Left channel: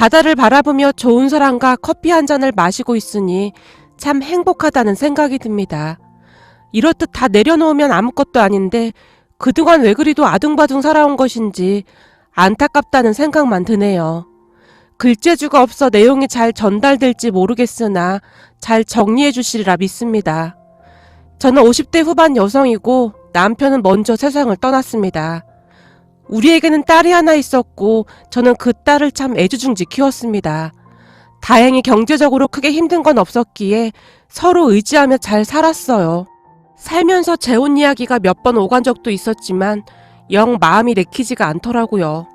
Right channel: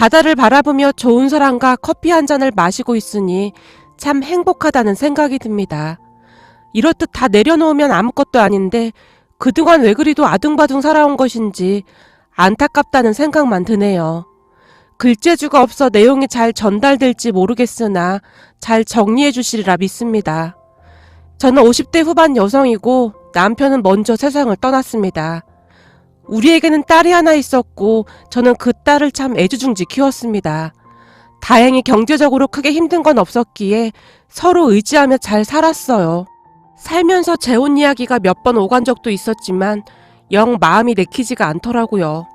바다를 바라보며 좋은 사람과 커피 한 잔을 마시고 있으니 참 행복하다는 생각이 듭니다. 이렇듯 다 내려놓으면 아무것도 아닌데 그동안 왜 그리도 아둥바둥 살아온 것인지 안타깝다는 생각만 드네요. 글재주가 없어 내용이 잘 전달될지 모르겠으나 잘 정리해 주시리라 믿습니다. 저는 50대 후반 여성이고 남편은 먼저 세상을 떠났습니다. 우리에게는 딸이 하나 있었고 저는 그 딸을 참 애지중지 키웠습니다. 다행히 경제적으로 크게 힘든 건 없었기에 서로 의지하며 잘 살았어요. 살면서 재혼 이야기가 몇 번 오간 적도 있었지만 영 마음이 내키지가 않더라고요.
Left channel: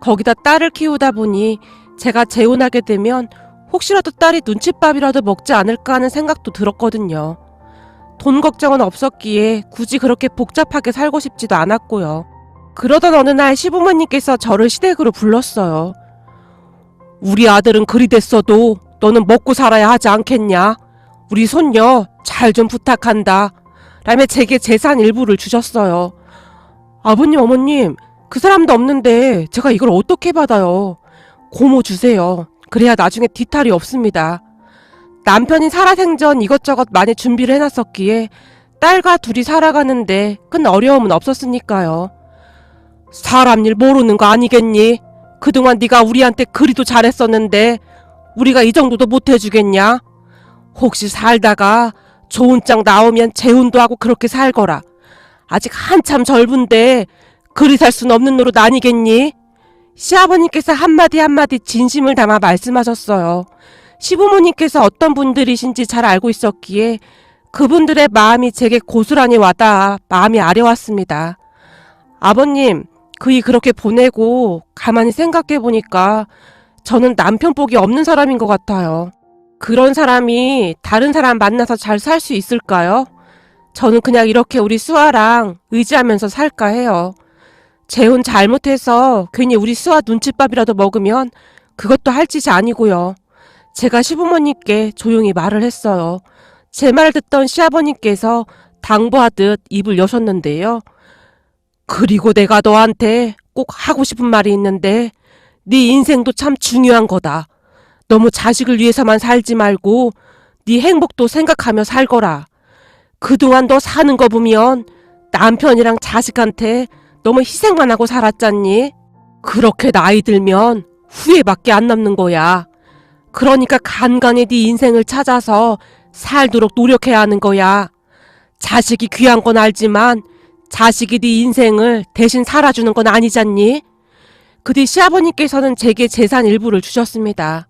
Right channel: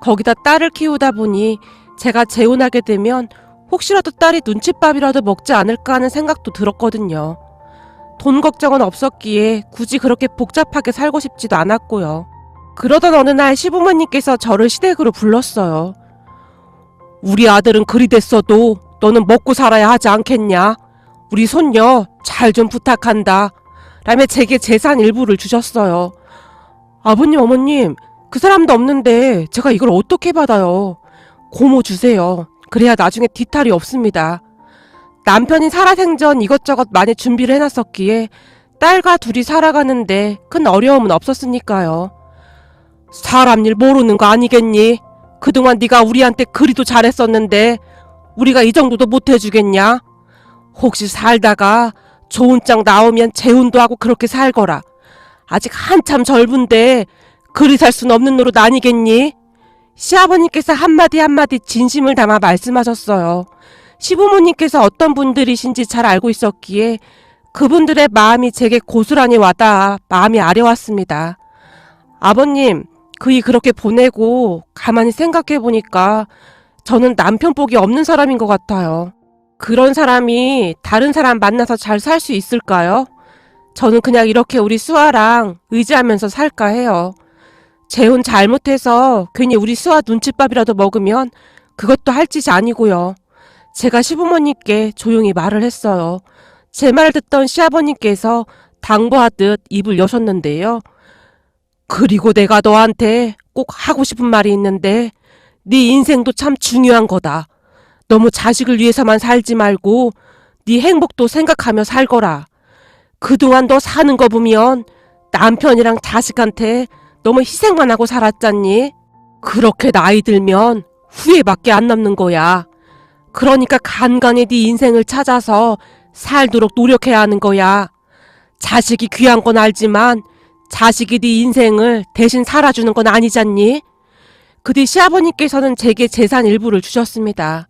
거기다 딸을 키우다 보니 제가 재혼하게 되면 혹시라도 딸이 눈칫밥이라도 먹지 않을까 하는 생각도 들었거든요. 돈 걱정은 없었기에 굳이 그렇게 복잡하게 살고 싶지도 않았고요. 그러던 어느 날 시부모님께서 저를 시댁으로 불렀어요. 우리 아들은 그리 됐어도 너는 먹고 살아야 하지 않겠냐? 우리 손녀 잘 좀 부탁한다. 라며 제게 재산 일부를 주셨어요. 아버님, 어머님, 그 사람도 없는데 제가 이걸 어떻게 받아요? 고모 주세요. 그래야 나중에 뒤탈이 없습니다. 남편이 살아생전 이것저것 많이 준비를 해놨었기에 딸과 둘이 살아가는데 큰 어려움은 없었으니까요. 사람 일 모르는 거 아니겠니? 그동안 네가 우리한테 그리도 잘했었는데 우리가 이 정도도 못해주겠냐? 혹시 살다가 좋은 짝 나오면 재혼도 하고 그렇게 살거라. 아직 한참 젊은데 그리 살 순 없는 노릇 아니겠니? 시아버님께서 한마디 한마디 진심을 담아 말씀하셨어요. 시부모님께서 어떤 분들이신지 잘 알고 있었기에 그분들의 마음이 제게 고스란히 와닿아 마음이 아려왔습니다. 아버님, 그이 그렇게 보내고 가만히 생각해보니까 저는 남편 복이 없는 사람인 것 같아요. 그런 사람이 다른 사람 만나서 잘 살 수 있을까요? 저는 그냥 이렇게 우리 수아랑 의지하면서 살까 해요. 재혼 잘못해서 괜히 우리 수아 눈칫밥이라도 먹으면 그것도 할 짓이 아니고요. 제가 시부모님께 조용히 말을 했어요. 제 말 듣던 시아버님께서 당부하듯 입을 여셨는데요. 그리고 내가 너한테 꼭 하고 싶은 말이 있는데 네 인생도 참 중요한 거다. 너무 자식을 위해서만 살지 말고 네 행복도 생각하며 살거라. 그동안 너 사는 거 보면 남편이랑 자식한테 너무 희생만 하고 살았잖니? 그렇게 나이 들면 후회밖에 안 남는 거야. 그러니까 간간히 네 인생을 찾아서 살도록 노력해야 하는 거야. 자식이 귀한 건 알지만 자식이 네 인생을 대신 살아주는 건 아니잖니? 그 뒤 시아버님께서는 제게 재산 일부를 주셨습니다.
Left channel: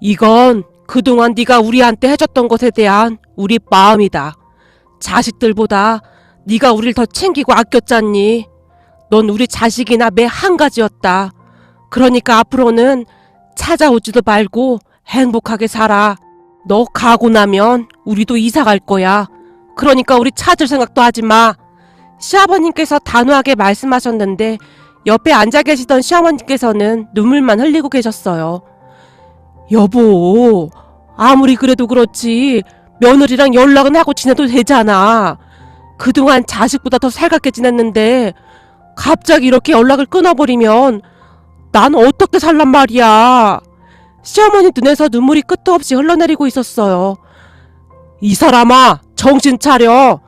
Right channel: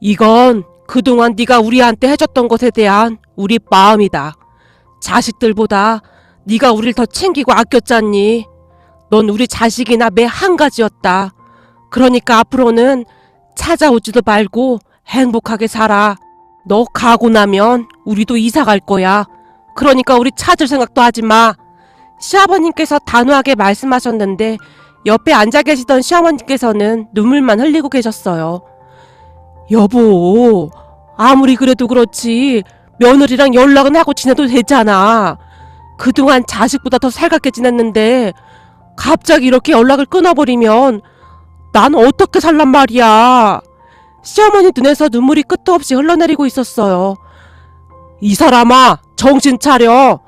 이건 그동안 네가 우리한테 해줬던 것에 대한 우리 마음이다. 자식들보다 네가 우릴 더 챙기고 아꼈잖니? 넌 우리 자식이나 매 한 가지였다. 그러니까 앞으로는 찾아오지도 말고 행복하게 살아. 너 가고 나면 우리도 이사 갈 거야. 그러니까 우리 찾을 생각도 하지 마. 시아버님께서 단호하게 말씀하셨는데 옆에 앉아 계시던 시어머님께서는 눈물만 흘리고 계셨어요. 여보, 아무리 그래도 그렇지 며느리랑 연락은 하고 지내도 되잖아. 그동안 자식보다 더 살갑게 지냈는데 갑자기 이렇게 연락을 끊어버리면 난 어떻게 살란 말이야. 시어머니 눈에서 눈물이 끝도 없이 흘러내리고 있었어요. 이 사람아, 정신 차려.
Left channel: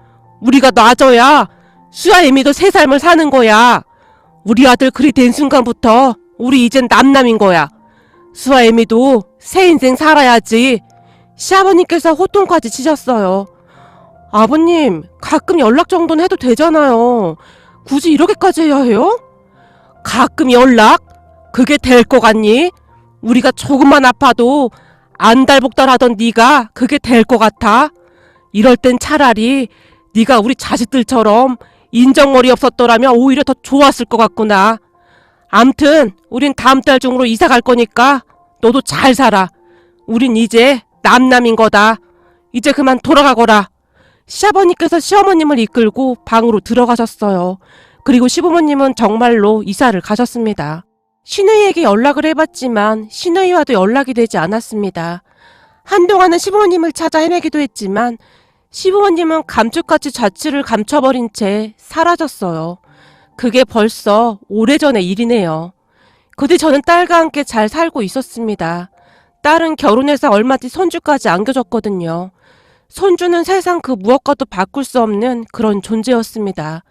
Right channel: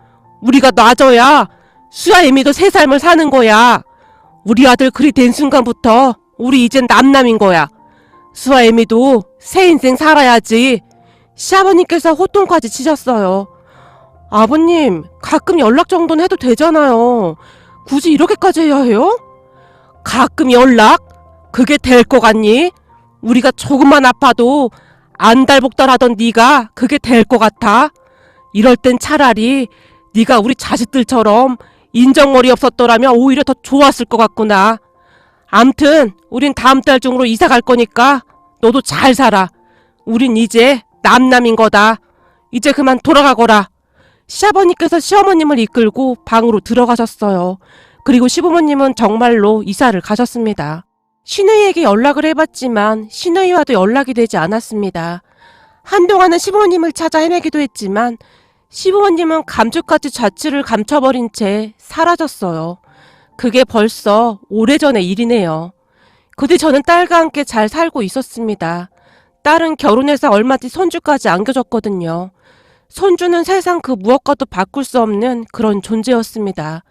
우리가 놔줘야 수아 이미도 새 삶을 사는 거야. 우리 아들 그리 된 순간부터 우리 이젠 남남인 거야. 수아 애미도 새 인생 살아야지. 시아버님께서 호통까지 치셨어요. 아버님, 가끔 연락 정도는 해도 되잖아요. 굳이 이렇게까지 해야 해요? 가끔 연락? 그게 될 거 같니? 우리가 조금만 아파도 안달복달하던 네가 그게 될 거 같아? 이럴 땐 차라리 네가 우리 자식들처럼 인정머리 없었더라면 오히려 더 좋았을 것 같구나. 암튼 우린 다음 달 중으로 이사 갈 거니까 너도 잘 살아. 우린 이제 남남인 거다. 이제 그만 돌아가거라. 시아버님께서 시어머님을 이끌고 방으로 들어가셨어요. 그리고 시부모님은 정말로 이사를 가셨습니다. 신우이에게 연락을 해봤지만 신우이와도 연락이 되지 않았습니다. 한동안은 시부모님을 찾아 헤매기도 했지만 시부모님은 감쪽같이 자취를 감춰버린 채 사라졌어요. 그게 벌써 오래전의 일이네요. 그뒤 저는 딸과 함께 잘 살고 있었습니다. 딸은 결혼해서 얼마 뒤 손주까지 안겨줬거든요. 손주는 세상 그 무엇과도 바꿀 수 없는 그런 존재였습니다.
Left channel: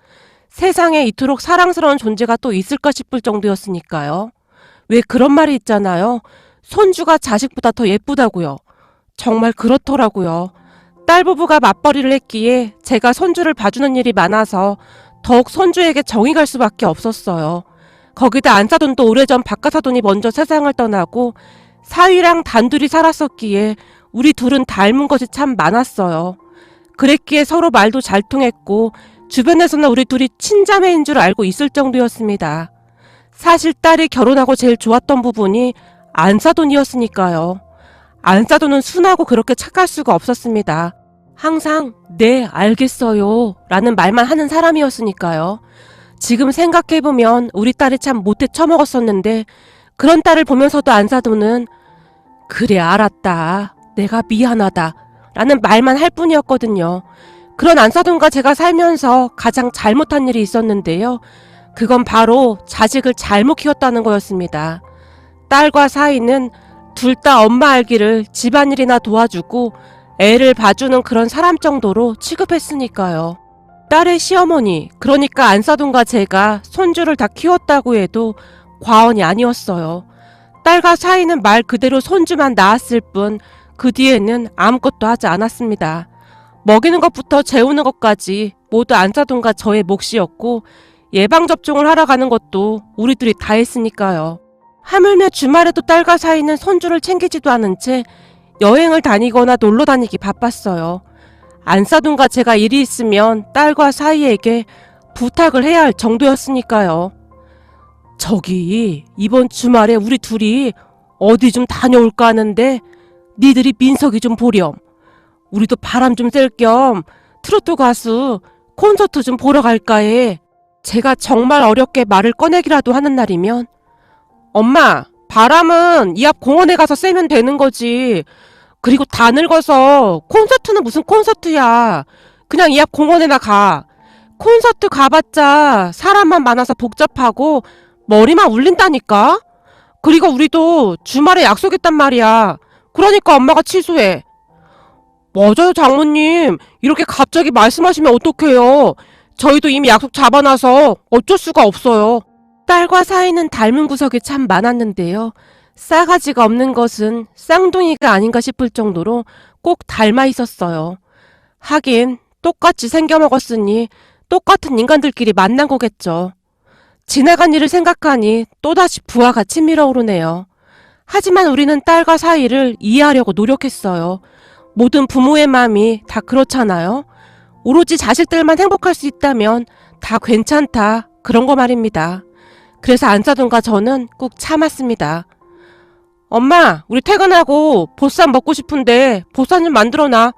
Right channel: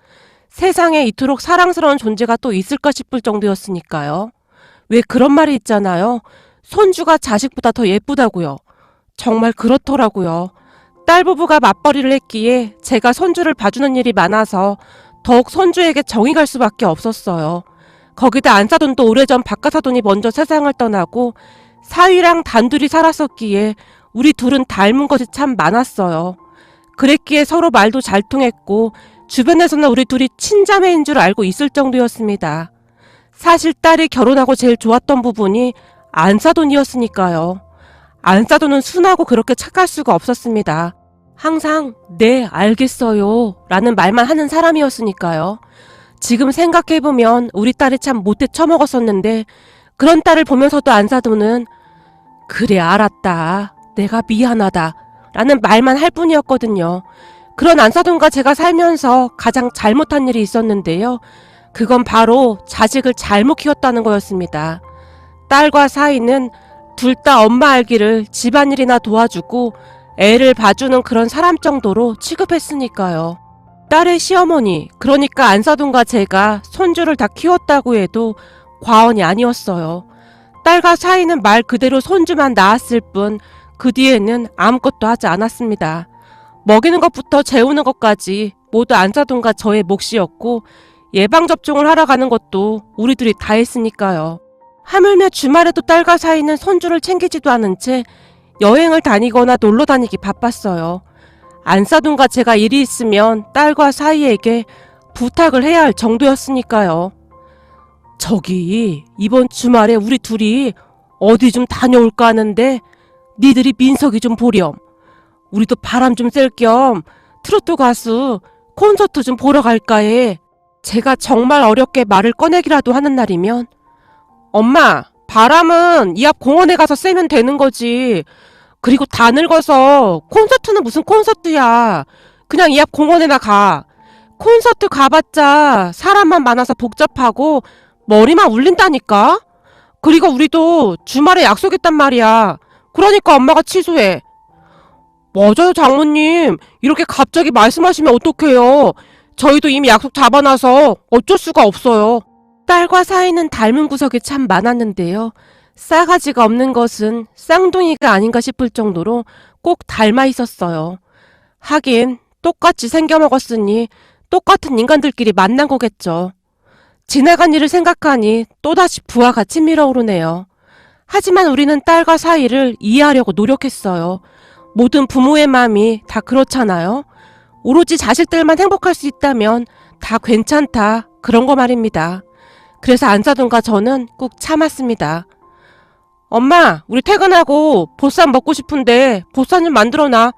세상에 이토록 사랑스러운 존재가 또 있을까 싶을 정도였으니까요. 왜 그런 말이 있잖아요. 손주가 자식보다 더 예쁘다고요. 정말 그렇더라고요. 딸 부부가 맞벌이를 했기에 제가 손주를 봐주는 일이 많아서 더욱 손주에게 정이 갈 수밖에 없었어요. 거기다 안사돈도 오래전 박가사돈이 먼저 세상을 떠나고 사위랑 단둘이 살았었기에 우리 둘은 닮은 것이 참 많았어요. 그랬기에 서로 말도 잘 통했고 주변에서는 우리 둘이 친자매인 줄 알고 있을 정도였습니다. 사실 딸이 결혼하고 제일 좋았던 부분이 안사돈이었으니까요. 안사돈은 순하고 그렇게 착할 수가 없었습니다. 항상 네 알겠어요 라는 말만 하는 사람이었으니까요. 지금 생각해보면 우리 딸이 참 못돼 처먹었었는데 그런 딸을 보면서도 안사돈은 그래 알았다 내가 미안하다 라는 말만 할 뿐이었거든요. 그런 안사돈과 제가 살면서 가장 잘못한 일이 있었는데요. 그건 바로 자식을 잘못 키웠다는 거였습니다. 딸과 사위는 둘 다 엄마 알기를 집안일이나 도와주고 애를 봐주는 그런 사람 정도로 취급했으니까요. 딸의 시어머니, 그러니까 안사돈과 제가 손주를 다 키웠다고 해도 과언이 아니었어요. 딸과 사위는 말 그대로 손주만 낳았을 뿐 그 뒤에는 아무것도 하지 않았습니다. 먹이는 것부터 재우는 것까지 모두 안사돈과 저의 몫이었고 예방접종을 하러 가는 것도 우리들이 다 했으니까요. 하물며 주말에도 딸과 사위는 손주를 챙기지도 않은 채 여행을 다니거나 놀러 다니기 바빴어요. 안사돈과 제가 일이 있으면 딸과 사위에게 부탁을 해야 할 정도였으니까요. 저기 이번 주말에 우리 둘이 어디 좀 다녀올까 하는데 니들이 민석이 좀 보렴. 우리도 바람 좀 쐴 겸 트로트 가수 콘서트 좀 보러 갈까 해. 제가 정말 어렵게 말을 꺼내기라도 하는 날이면 엄마 바람은 이 앞 공원에 가서 쐬면 되는 거지. 그리고 다 늙어서 콘서트는 무슨 콘서트야. 그냥 이 앞 공원에나 가. 콘서트 가봤자 사람만 많아서 복잡하고 머리만 울린다니까. 그리고 우리도 주말에 약속했단 말이야. 그러니까 엄마가 취소해. 맞아요 장모님. 이렇게 갑자기 말씀하시면 어떡해요. 저희도 이미 약속 잡아놔서 어쩔 수가 없어요. 딸과 사위는 닮은 구석이 참 많았는데요. 싸가지가 없는 것은 쌍둥이가 아닌가 싶을 정도로 꼭 닮아 있었어요. 하긴 똑같이 생겨먹었으니 똑같은 인간들끼리 만난 거겠죠. 지나간 일을 생각하니 또다시 부하 같이 밀어오르네요. 하지만 우리는 딸과 사위를 이해하려고 노력했어요. 모든 부모의 마음이 다 그렇잖아요. 오로지 자식들만 행복할 수 있다면 다 괜찮다 그런 거 말입니다. 그래서 안사돈과 저는 꾹 참았습니다. 엄마 우리 퇴근하고 보쌈 먹고 싶은데 보쌈 좀 만들어놔.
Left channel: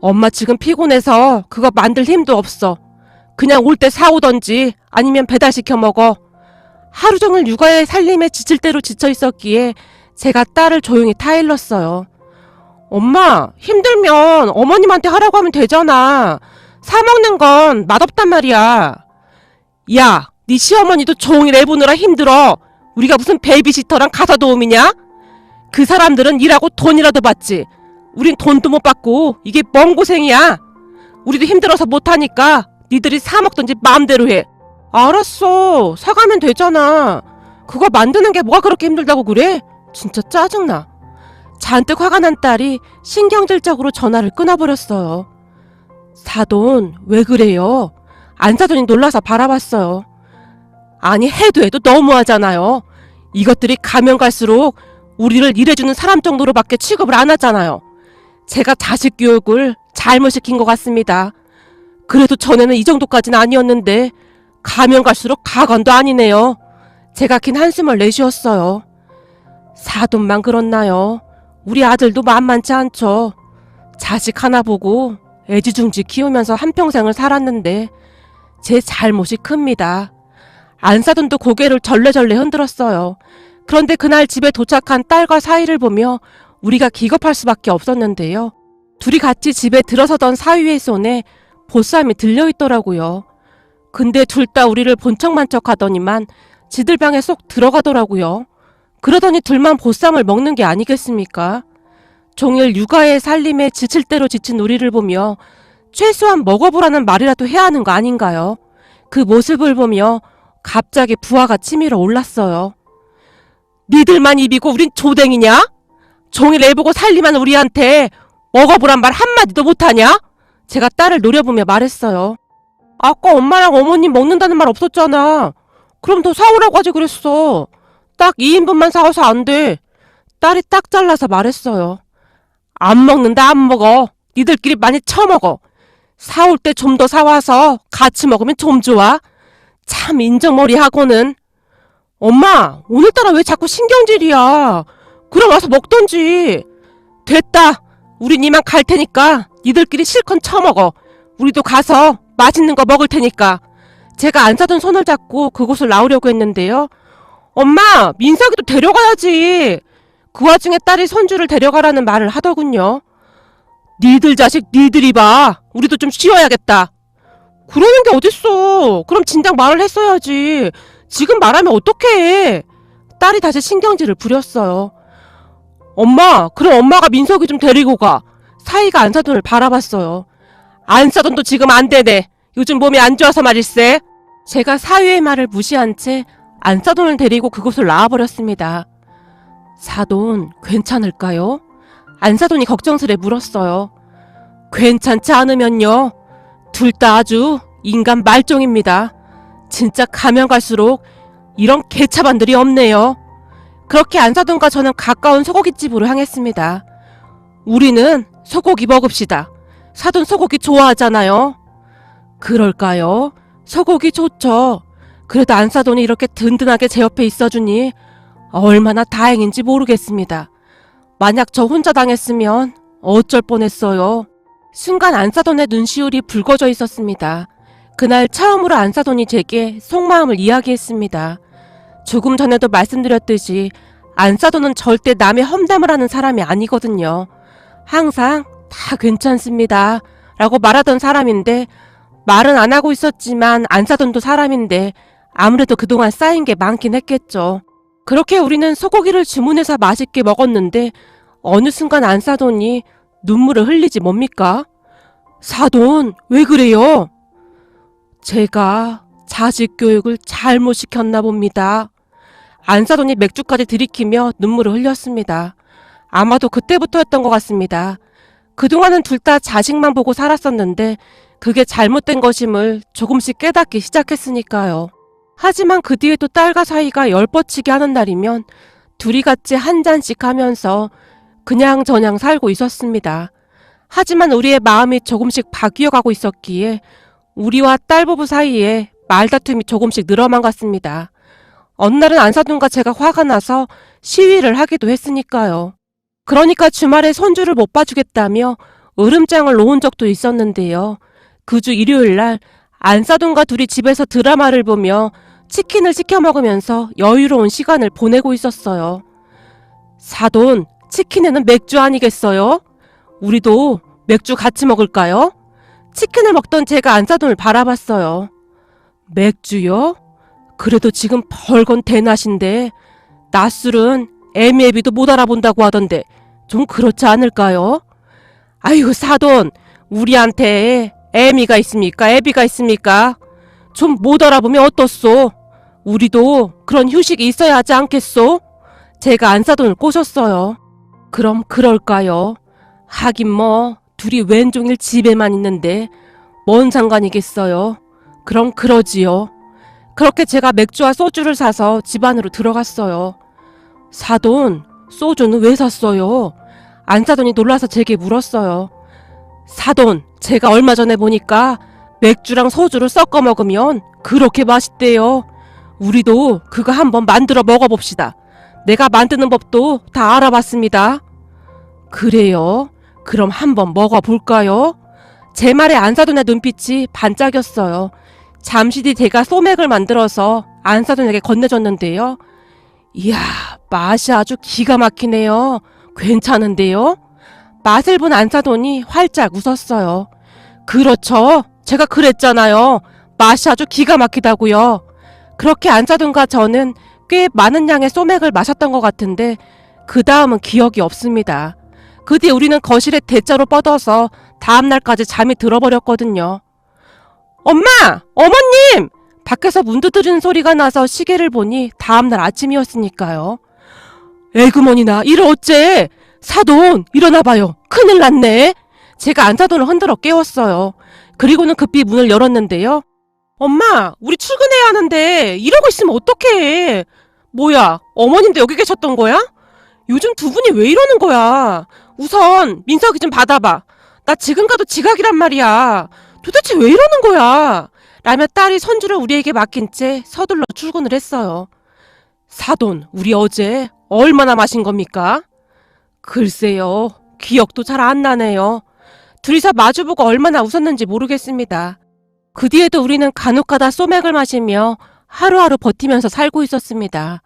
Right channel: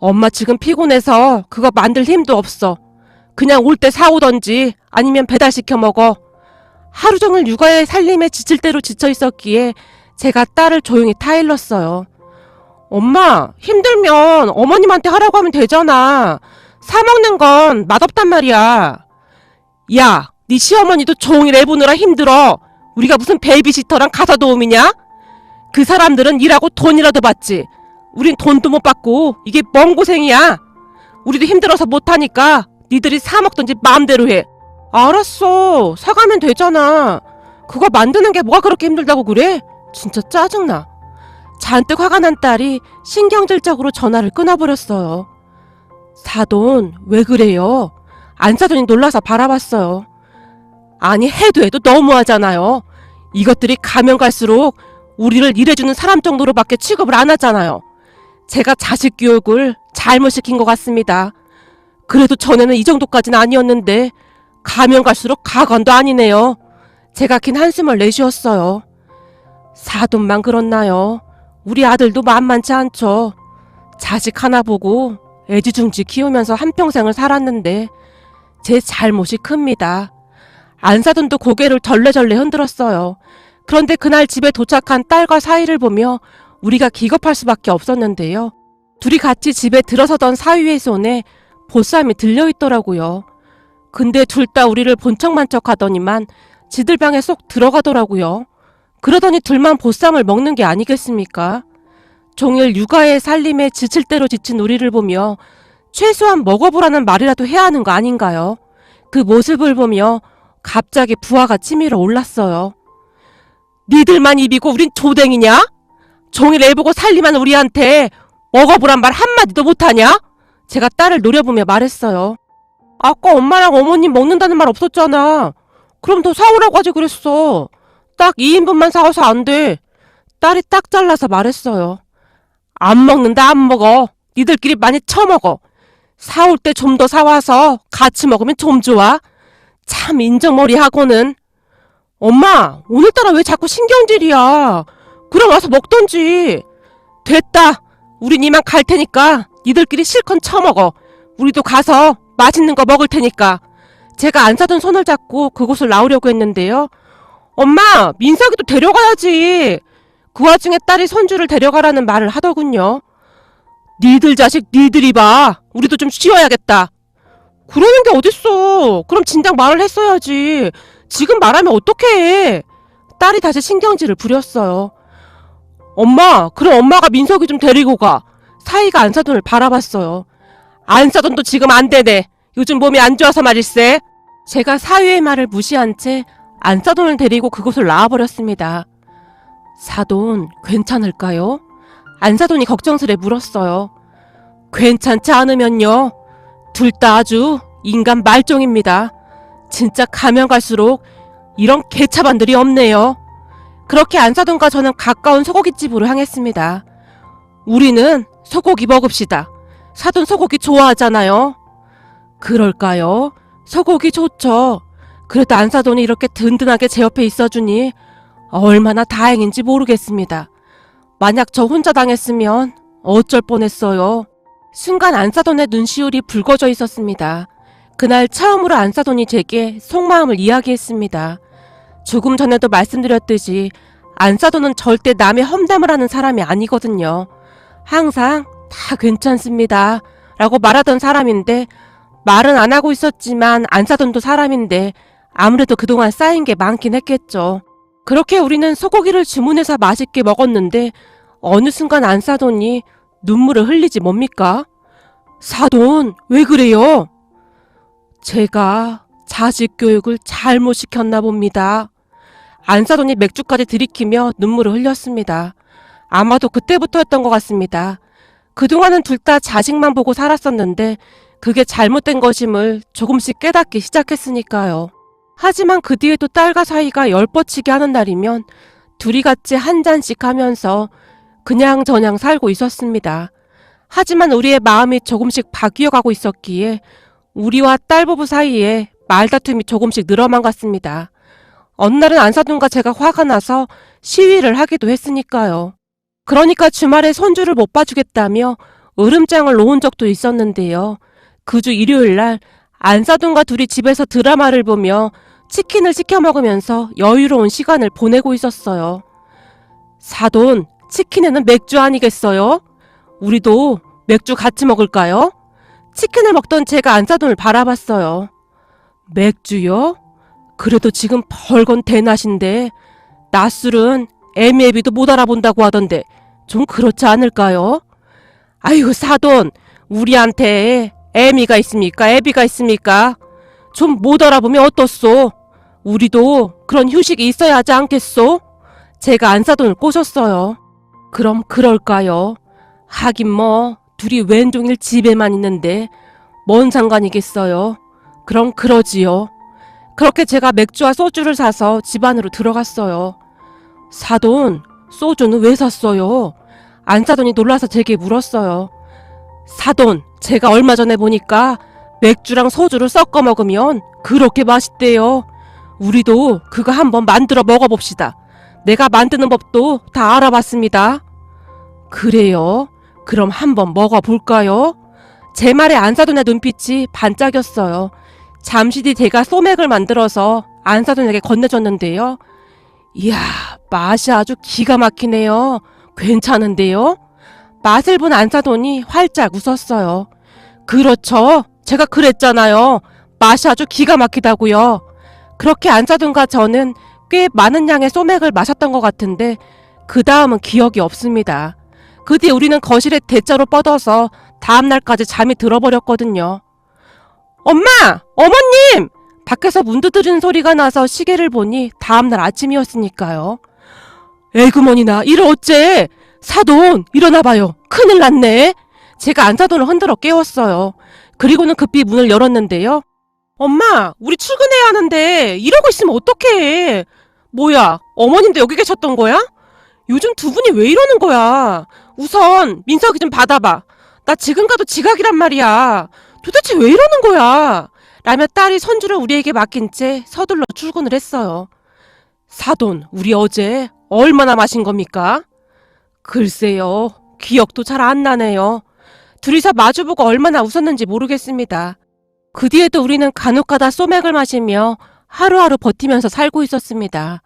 엄마 지금 피곤해서 그거 만들 힘도 없어. 그냥 올 때 사오던지 아니면 배달시켜 먹어. 하루 종일 육아에 살림에 지칠 대로 지쳐 있었기에 제가 딸을 조용히 타일렀어요. 엄마 힘들면 어머님한테 하라고 하면 되잖아. 사먹는 건 맛없단 말이야. 야, 네 시어머니도 종일 애 보느라 힘들어. 우리가 무슨 베이비시터랑 가사도우미냐? 그 사람들은 일하고 돈이라도 받지. 우린 돈도 못 받고 이게 뭔 고생이야. 우리도 힘들어서 못하니까 니들이 사먹던지 마음대로 해. 알았어. 사가면 되잖아. 그거 만드는 게 뭐가 그렇게 힘들다고 그래? 진짜 짜증나. 잔뜩 화가 난 딸이 신경질적으로 전화를 끊어버렸어요. 사돈 왜 그래요? 안사돈이 놀라서 바라봤어요. 아니 해도 너무하잖아요. 이것들이 가면 갈수록 우리를 일해주는 사람 정도로밖에 취급을 안 하잖아요. 제가 자식 교육을 잘못시킨 것 같습니다. 그래도 전에는 이 정도까지는 아니었는데 가면 갈수록 가관도 아니네요. 제가 긴 한숨을 내쉬었어요. 사돈만 그렇나요? 우리 아들도 만만치 않죠. 자식 하나 보고 애지중지 키우면서 한평생을 살았는데 제 잘못이 큽니다. 안사돈도 고개를 절레절레 흔들었어요. 그런데 그날 집에 도착한 딸과 사위를 보며 우리가 기겁할 수밖에 없었는데요. 둘이 같이 집에 들어서던 사위의 손에 보쌈이 들려있더라고요. 근데 둘 다 우리를 본 척만 척 하더니만 지들 방에 쏙 들어가더라고요. 그러더니 둘만 보쌈을 먹는 게 아니겠습니까? 종일 육아의 살림에 지칠 대로 지친 우리를 보며 최소한 먹어보라는 말이라도 해야 하는 거 아닌가요? 그 모습을 보며 갑자기 부하가 치밀어 올랐어요. 니들만 입이고 우린 조댕이냐? 종일 애보고 살림한 우리한테 먹어보란 말 한마디도 못하냐? 제가 딸을 노려보며 말했어요. 아까 엄마랑 어머님 먹는다는 말 없었잖아. 그럼 더 사오라고 하지 그랬어. 딱 2인분만 사와서 안 돼. 딸이 딱 잘라서 말했어요. 안 먹는다 안 먹어. 니들끼리 많이 처먹어. 사올 때 좀 더 사와서 같이 먹으면 좀 좋아. 참 인정머리 하고는. 엄마 오늘따라 왜 자꾸 신경질이야. 그럼 와서 먹던지. 됐다. 우린 이만 갈 테니까 니들끼리 실컷 처먹어. 우리도 가서 맛있는 거 먹을 테니까. 제가 안 사던 손을 잡고 그곳을 나오려고 했는데요. 엄마 민석이도 데려가야지. 그 와중에 딸이 손주를 데려가라는 말을 하더군요. 니들 자식 니들이 봐. 우리도 좀 쉬어야겠다. 그러는 게 어딨어. 그럼 진작 말을 했어야지. 지금 말하면 어떡해. 딸이 다시 신경질을 부렸어요. 엄마 그럼 엄마가 민석이 좀 데리고 가. 사이가 안사돈을 바라봤어요. 안사돈도 지금 안 되네. 요즘 몸이 안 좋아서 말일세. 제가 사위의 말을 무시한 채 안사돈을 데리고 그곳을 나와버렸습니다. 사돈 괜찮을까요? 안사돈이 걱정스레 물었어요. 괜찮지 않으면요. 둘 다 아주 인간 말종입니다. 진짜 가면 갈수록 이런 개차반들이 없네요. 그렇게 안사돈과 저는 가까운 소고기집으로 향했습니다. 우리는 소고기 먹읍시다. 사돈 소고기 좋아하잖아요. 그럴까요? 소고기 좋죠. 그래도 안사돈이 이렇게 든든하게 제 옆에 있어주니 얼마나 다행인지 모르겠습니다. 만약 저 혼자 당했으면 어쩔 뻔했어요. 순간 안사돈의 눈시울이 붉어져 있었습니다. 그날 처음으로 안사돈이 제게 속마음을 이야기했습니다. 조금 전에도 말씀드렸듯이 안사돈은 절대 남의 험담을 하는 사람이 아니거든요. 항상 다 괜찮습니다 라고 말하던 사람인데 말은 안 하고 있었지만 안사돈도 사람인데 아무래도 그동안 쌓인 게 많긴 했겠죠. 그렇게 우리는 소고기를 주문해서 맛있게 먹었는데 어느 순간 안사돈이 눈물을 흘리지 뭡니까? 사돈 왜 그래요? 제가 자식 교육을 잘못 시켰나 봅니다. 안사돈이 맥주까지 들이키며 눈물을 흘렸습니다. 아마도 그때부터였던 것 같습니다. 그동안은 둘 다 자식만 보고 살았었는데 그게 잘못된 것임을 조금씩 깨닫기 시작했으니까요. 하지만 그 뒤에도 딸과 사이가 열뻗치게 하는 날이면 둘이 같이 한 잔씩 하면서 그냥저냥 살고 있었습니다. 하지만 우리의 마음이 조금씩 바뀌어가고 있었기에 우리와 딸 부부 사이에 말다툼이 조금씩 늘어만 갔습니다. 어느 날은 안사돈과 제가 화가 나서 시위를 하기도 했으니까요. 그러니까 주말에 손주를 못 봐주겠다며 으름장을 놓은 적도 있었는데요. 그 주 일요일날 안사돈과 둘이 집에서 드라마를 보며 치킨을 시켜 먹으면서 여유로운 시간을 보내고 있었어요. 사돈, 치킨에는 맥주 아니겠어요? 우리도 맥주 같이 먹을까요? 치킨을 먹던 제가 안사돈을 바라봤어요. 맥주요? 그래도 지금 벌건 대낮인데 낮술은 애미애비도 못 알아본다고 하던데 좀 그렇지 않을까요? 아이고 사돈, 우리한테 애미가 있습니까? 애비가 있습니까? 좀 못 알아보면 어떻소? 우리도 그런 휴식이 있어야 하지 않겠소? 제가 안사돈을 꼬셨어요. 그럼 그럴까요? 하긴 뭐 둘이 웬종일 집에만 있는데 뭔 상관이겠어요? 그럼 그러지요. 그렇게 제가 맥주와 소주를 사서 집 안으로 들어갔어요. 사돈, 소주는 왜 샀어요? 안사돈이 놀라서 제게 물었어요. 사돈, 제가 얼마 전에 보니까 맥주랑 소주를 섞어 먹으면 그렇게 맛있대요. 우리도 그거 한번 만들어 먹어봅시다. 내가 만드는 법도 다 알아봤습니다. 그래요? 그럼 한번 먹어볼까요? 제 말에 안사돈의 눈빛이 반짝였어요. 잠시 뒤 제가 소맥을 만들어서 안사돈에게 건네줬는데요. 이야, 맛이 아주 기가 막히네요. 괜찮은데요? 맛을 본 안사돈이 활짝 웃었어요. 그렇죠. 제가 그랬잖아요. 맛이 아주 기가 막히다고요. 그렇게 안사돈과 저는 꽤 많은 양의 소맥을 마셨던 것 같은데 그 다음은 기억이 없습니다. 그 뒤에 우리는 거실에 대자로 뻗어서 다음날까지 잠이 들어버렸거든요. 엄마! 어머님! 밖에서 문 두드리는 소리가 나서 시계를 보니 다음날 아침이었으니까요. 에그머니나 이를 어째? 사돈 일어나봐요. 큰일 났네. 제가 안사돈을 흔들어 깨웠어요. 그리고는 급히 문을 열었는데요. 엄마, 우리 출근해야 하는데 이러고 있으면 어떡해. 뭐야, 어머님도 여기 계셨던 거야? 요즘 두 분이 왜 이러는 거야? 우선 민석이 좀 받아봐. 나 지금 가도 지각이란 말이야. 도대체 왜 이러는 거야? 라며 딸이 손주를 우리에게 맡긴 채 서둘러 출근을 했어요. 사돈, 우리 어제 얼마나 마신 겁니까? 글쎄요, 기억도 잘 안 나네요. 둘이서 마주보고 얼마나 웃었는지 모르겠습니다. 그 뒤에도 우리는 간혹가다 소맥을 마시며 하루하루 버티면서 살고 있었습니다.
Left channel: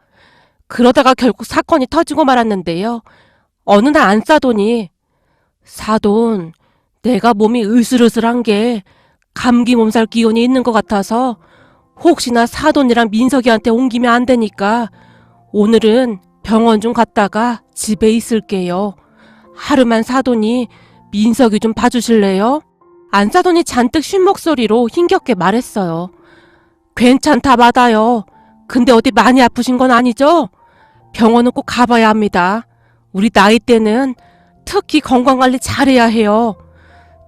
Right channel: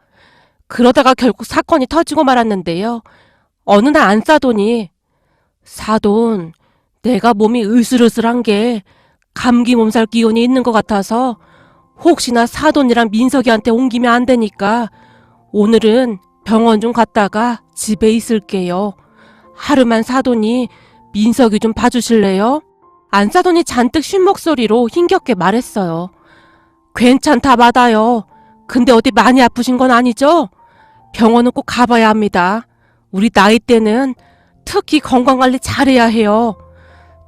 그러다가 결국 사건이 터지고 말았는데요. 어느 날 안사돈이 사돈, 내가 몸이 으슬으슬한 게 감기 몸살 기운이 있는 것 같아서 혹시나 사돈이랑 민석이한테 옮기면 안 되니까 오늘은 병원 좀 갔다가 집에 있을게요. 하루만 사돈이 민석이 좀 봐주실래요? 안사돈이 잔뜩 쉰 목소리로 힘겹게 말했어요. 괜찮다 받아요. 근데 어디 많이 아프신 건 아니죠? 병원은 꼭 가봐야 합니다. 우리 나이 때는 특히 건강관리 잘해야 해요.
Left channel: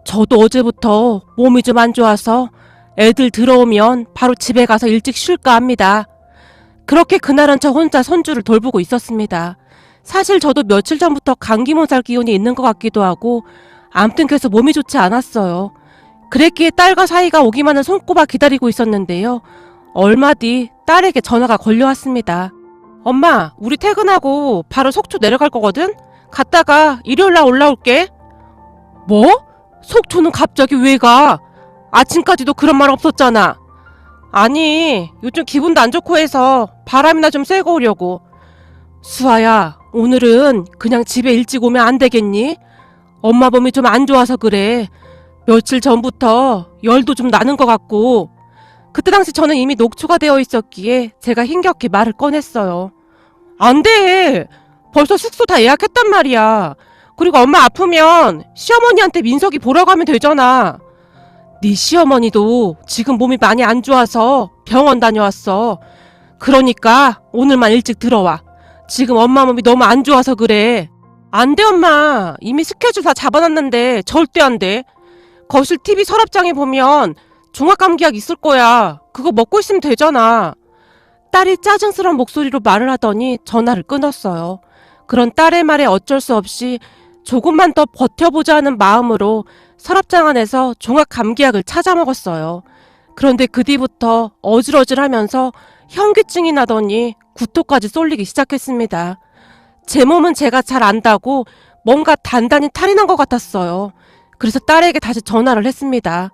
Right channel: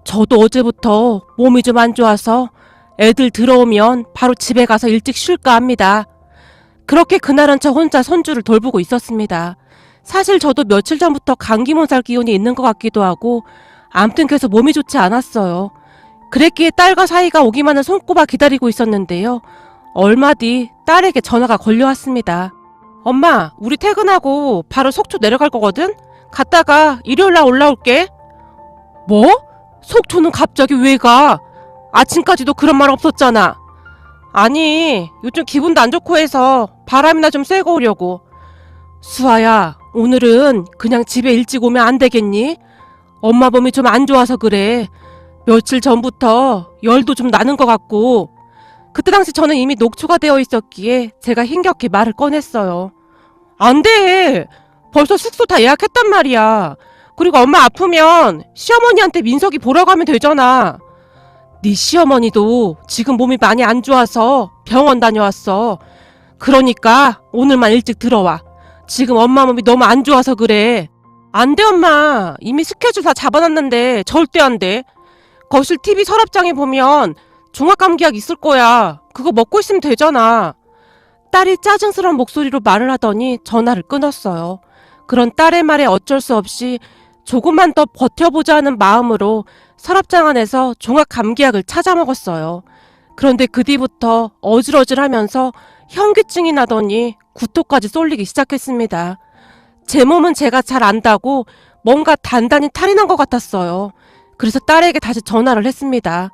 저도 어제부터 몸이 좀 안 좋아서 애들 들어오면 바로 집에 가서 일찍 쉴까 합니다. 그렇게 그날은 저 혼자 손주를 돌보고 있었습니다. 사실 저도 며칠 전부터 감기 몸살 기운이 있는 것 같기도 하고 암튼 계속 몸이 좋지 않았어요. 그랬기에 딸과 사이가 오기만을 손꼽아 기다리고 있었는데요. 얼마 뒤 딸에게 전화가 걸려왔습니다. 엄마, 우리 퇴근하고 바로 속초 내려갈 거거든? 갔다가 일요일날 올라올게. 뭐? 속초는 갑자기 왜 가? 아침까지도 그런 말 없었잖아. 아니, 요즘 기분도 안 좋고 해서 바람이나 좀 쐬고 오려고. 수아야, 오늘은 그냥 집에 일찍 오면 안 되겠니? 엄마 몸이 좀 안 좋아서 그래. 며칠 전부터 열도 좀 나는 것 같고. 그때 당시 저는 이미 녹초가 되어 있었기에 제가 힘겹게 말을 꺼냈어요. 안 돼. 벌써 숙소 다 예약했단 말이야. 그리고 엄마 아프면 시어머니한테 민석이 보라고 하면 되잖아. 네 시어머니도 지금 몸이 많이 안 좋아서 병원 다녀왔어. 그러니까 오늘만 일찍 들어와. 지금 엄마 몸이 너무 안 좋아서 그래. 안 돼 엄마. 이미 스케줄 다 잡아놨는데 절대 안 돼. 거실 TV 서랍장에 보면 종합감기약 있을 거야. 그거 먹고 있으면 되잖아. 딸이 짜증스러운 목소리로 말을 하더니 전화를 끊었어요. 그런 딸의 말에 어쩔 수 없이 조금만 더 버텨보자는 마음으로 서랍장 안에서 종합감기약을 찾아 먹었어요. 그런데 그 뒤부터 어질어질하면서 현기증이 나더니 구토까지 쏠리기 시작했습니다. 제 몸은 제가 잘 안다고 뭔가 단단히 탈이 난 것 같았어요. 그래서 딸에게 다시 전화를 했습니다.